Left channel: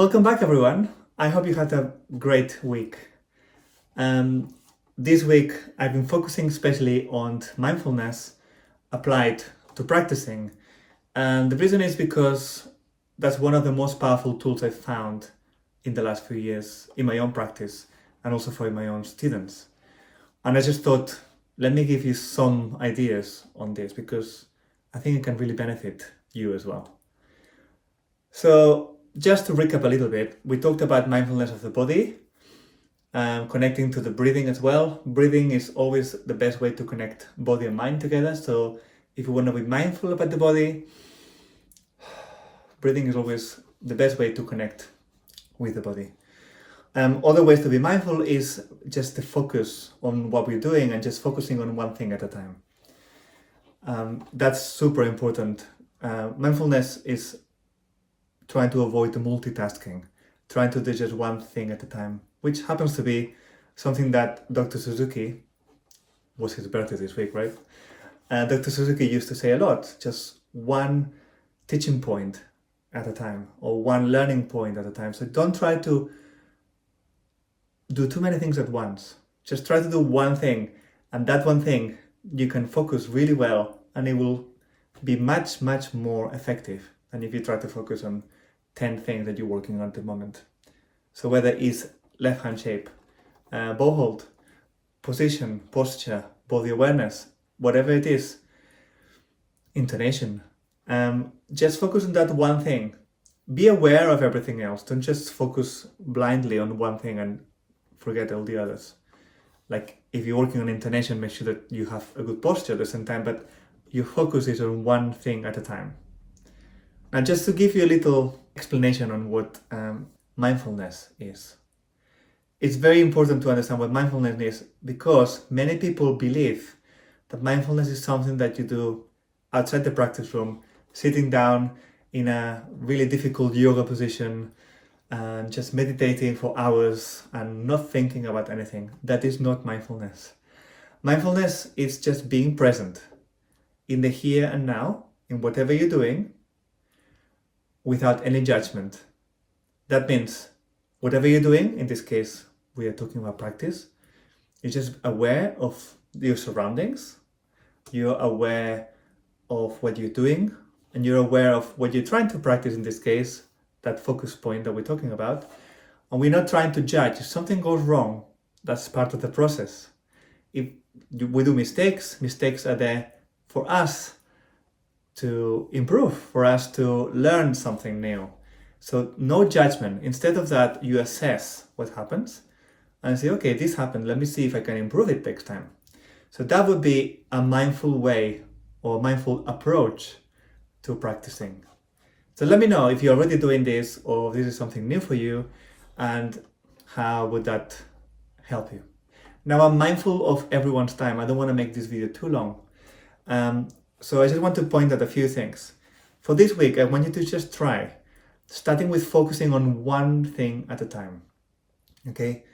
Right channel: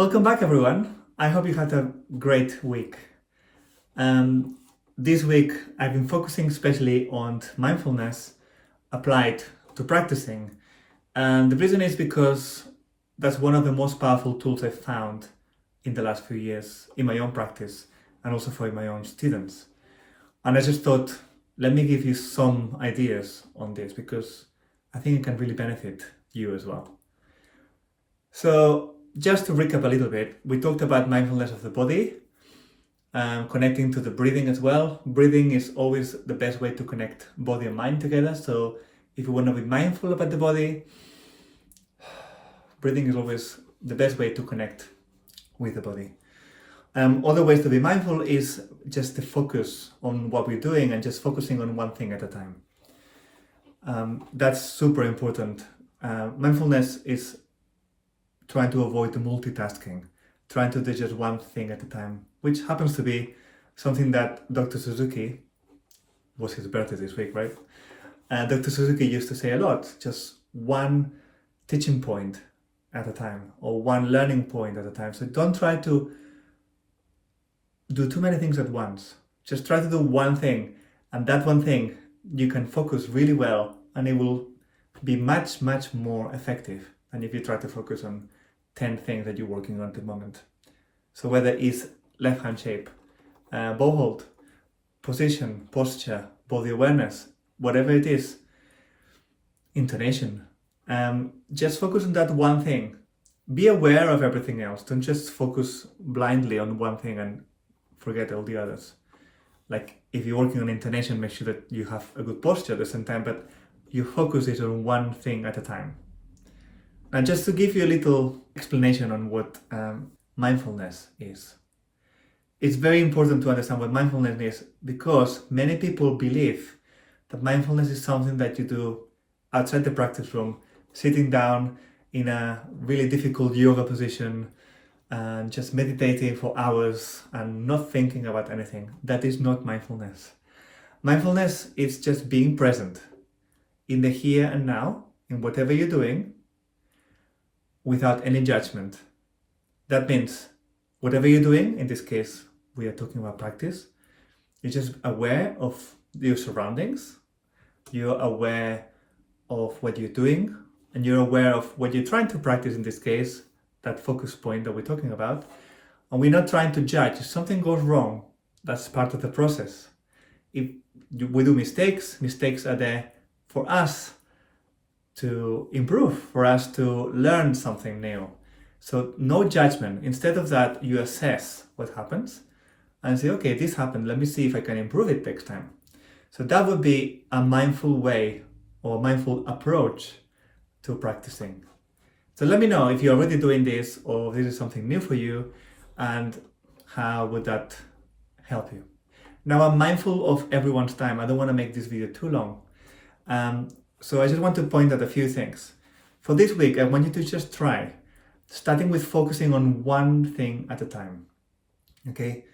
Welcome back, everyone. I hope you had a great week. This week, I've been focusing especially on mindfulness applied to practicing. And the reason is because that's one of the most powerful tools I've found in the last few years in my own practice and also for my own students. And I just thought, let me give you some ideas on this because I think it can really benefit you as well. So, just to recap a little bit, we talked about mindfulness of the body, connecting to the breathing as well. Breathing is always the best way to connect body and mind together. So if you want to be mindful about the body, breathing is always the best way to connect with the body. Other ways to be mindful is just to focus on what we're doing and just focusing on one thing at a time. That's super important. Mindfulness is trying to avoid the multitasking, trying to do just one thing at a time, which happens to be something that Dr. Suzuki, was his birthday this week, right? Dr. Suzuki used to say a lot, just one teaching point at a time or one learning point at a time. So don't try to do too many things at once. Just try to do one thing, and that one thing you can focus really well and it will be much, much more effective than if you try to focus on 10 things that you're working on at the moment. So whether it's left hand shape, bow hold, position, posture, body awareness, whatever it is, intonation, just focus on that one thing. Be aware of everything else. Don't just focus blindly on one thing and forget all the others. Like if you're working on intonation, make sure that you have a good posture at the same time, but your focus is on one thing at a time. And just to give you a little explanation on what mindfulness is. It's very important to understand what mindfulness is because many people believe that mindfulness is something that you do outside the practice room, sitting down in a really difficult yoga position and just meditating for hours and not thinking about anything. That is not mindfulness. Mindfulness is just being present in the here and now, in whatever you're doing, without any judgment. That means whatever you're doing, in this case, we are talking about practice, you're just aware of your surroundings, you're aware of what you're doing, and you're aware of what you're trying to practice, in this case, that focus point that we're talking about. And we're not trying to judge. If something goes wrong, that's part of the process. If we do mistakes, mistakes are there for us to improve, for us to learn something new. So no judgment. Instead of that, you assess what happens and say, okay, this happened. Let me see if I can improve it next time. So that would be a mindful way or mindful approach to practicing. So let me know if you're already doing this or this is something new for you and how would that help you. Now I'm mindful of everyone's time. I don't want to make this video too long. So I just want to point out a few things. For this week, I want you to just try, starting with focusing on one thing at a time. Okay?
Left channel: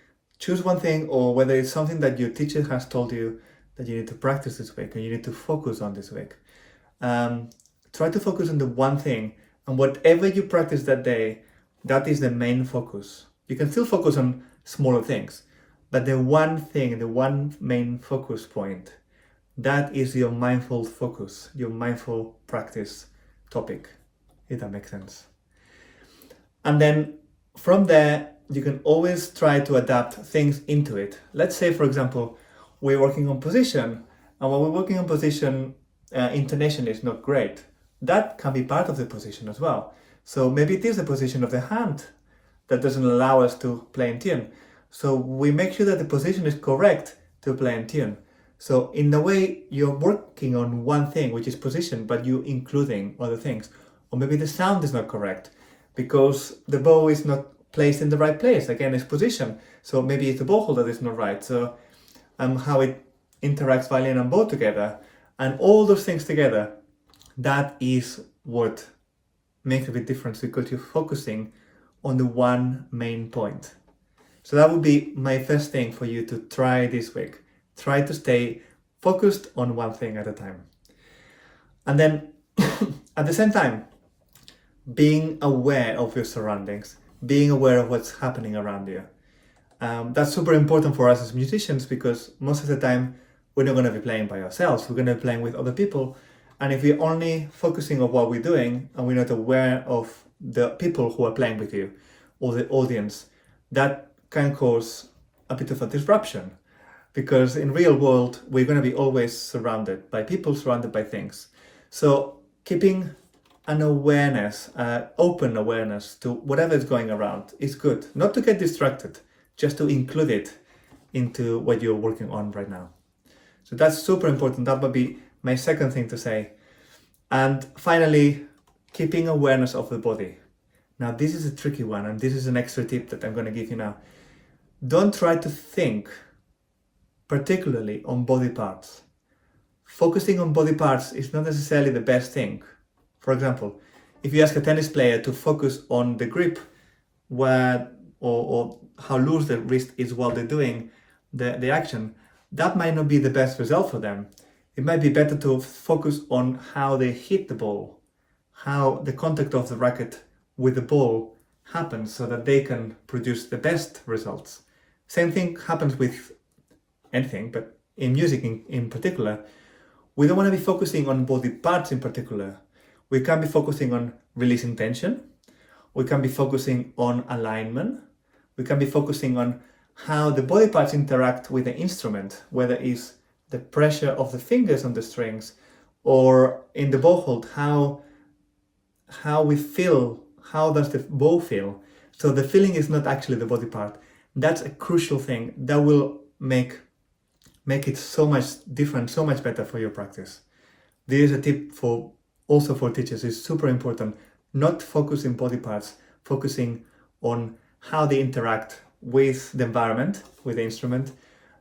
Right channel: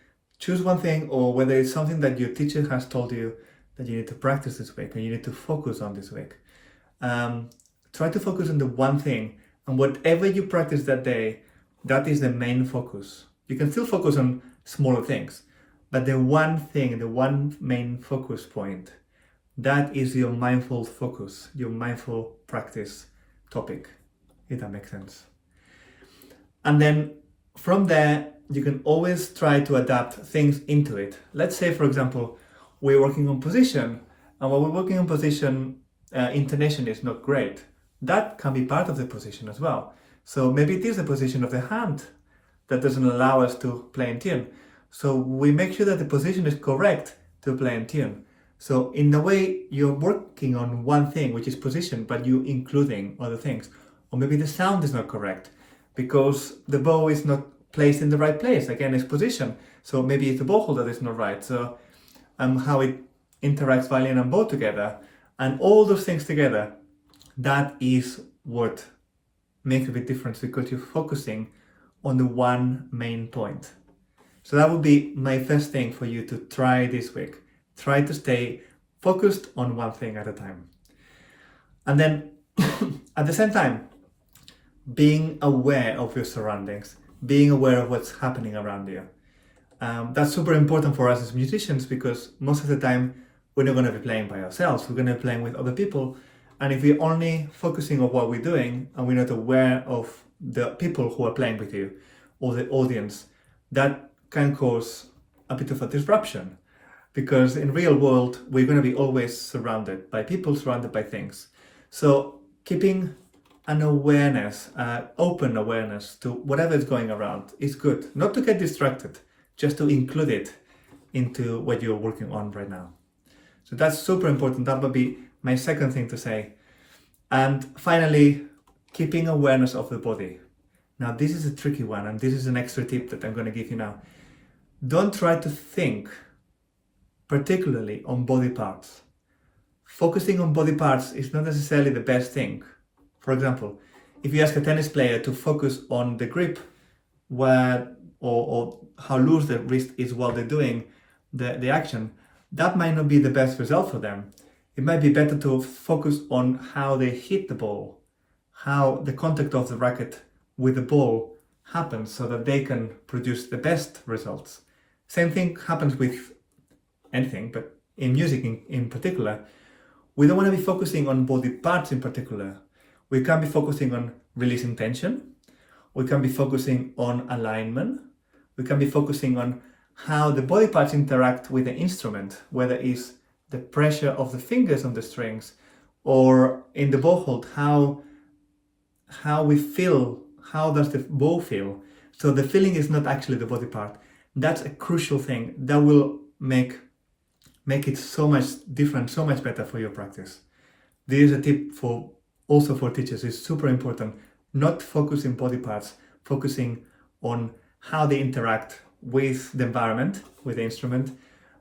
Choose one thing, or whether it's something that your teacher has told you that you need to practice this week and you need to focus on this week. Try to focus on the one thing, and whatever you practice that day, that is the main focus. You can still focus on smaller things, but the one thing, the one main focus point, that is your mindful focus, your mindful practice topic, if that makes sense. And then from there, you can always try to adapt things into it. Let's say, for example, we're working on position, and when we're working on position, intonation is not great. That can be part of the position as well. So maybe it is the position of the hand that doesn't allow us to play in tune. So we make sure that the position is correct to play in tune. So in a way, you're working on one thing, which is position, but you're including other things. Or maybe the sound is not correct because the bow is not placed in the right place. Again, it's position. So maybe it's the bow hold that is not right. So how it interacts violin and bow together. And all those things together, that is what makes a big difference because you're focusing on the one main point. So that would be my first thing for you to try this week. Try to stay focused on one thing at a time. And then at the same time, being aware of your surroundings, being aware of what's happening around you. That's super important for us as musicians because most of the time we're not going to be playing by ourselves. We're going to be playing with other people. And if we're only focusing on what we're doing and we're not aware of the people who are playing with you or the audience, that can cause a bit of a disruption. Because in real world, we're going to be always surrounded by people, surrounded by things. So keeping an awareness, open awareness to whatever is going around is good. Not to get distracted, just to include it into what you're working on right now. So that's super important. That would be my second thing to say. And finally, keeping awareness of the body. Now, this is a tricky one, and this is an extra tip that I'm going to give you now. Don't try to think particularly on body parts. Focusing on body parts is not necessarily the best thing. For example, if you ask a tennis player to focus on the grip or how loose the wrist is while they're doing the action, that might not be the best result for them. It might be better to focus on how they hit the ball, how the contact of the racket with the ball happens so that they can produce the best results. Same thing happens with anything, but in music in particular, we don't want to be focusing on body parts in particular. We can be focusing on releasing tension. We can be focusing on alignment. We can be focusing on how the body parts interact with the instrument, whether it's the pressure of the fingers on the strings or in the bow hold, how we feel, how does the bow feel. So the feeling is not actually the body part. That's a crucial thing that will make it so much different, so much better for your practice. This is a tip also for teachers. It's super important. Not focusing body parts, focusing on how they interact with the environment, with the instrument,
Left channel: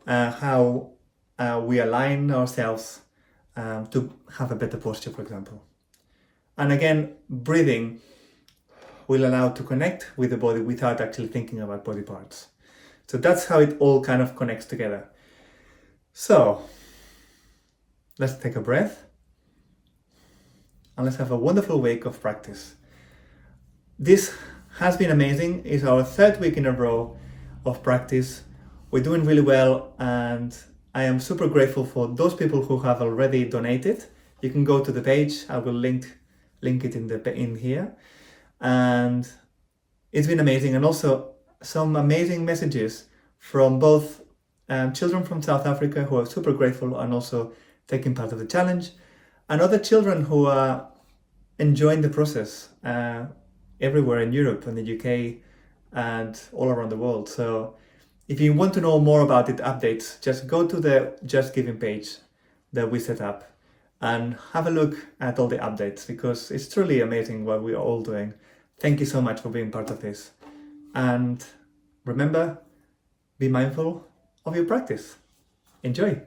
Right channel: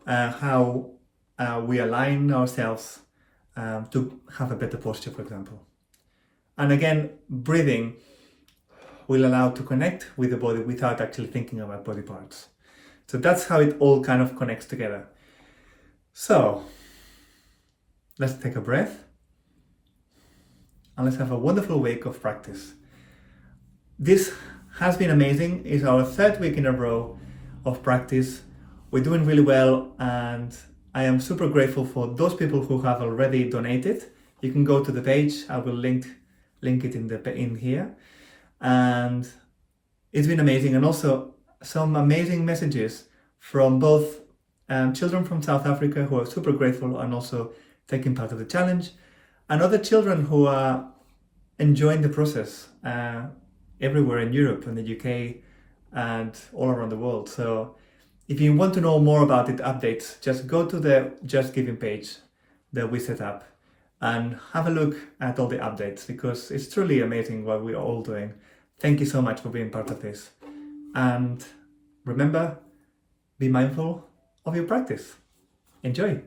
how we align ourselves to have a better posture, for example. And again, breathing will allow to connect with the body without actually thinking about body parts. So that's how it all kind of connects together. So let's take a breath and let's have a wonderful week of practice. This has been amazing. It's our third week in a row of practice. We're doing really well, and I am super grateful for those people who have already donated. You can go to the page. I will link it in here, and it's been amazing. And also some amazing messages from both children from South Africa who are super grateful and also taking part of the challenge, and other children who are enjoying the process everywhere in Europe and the UK and all around the world. So if you want to know more about it, updates, just go to the Just Giving page that we set up and have a look at all the updates, because it's truly amazing what we are all doing. Thank you so much for being part of this. And remember, be mindful of your practice. Enjoy.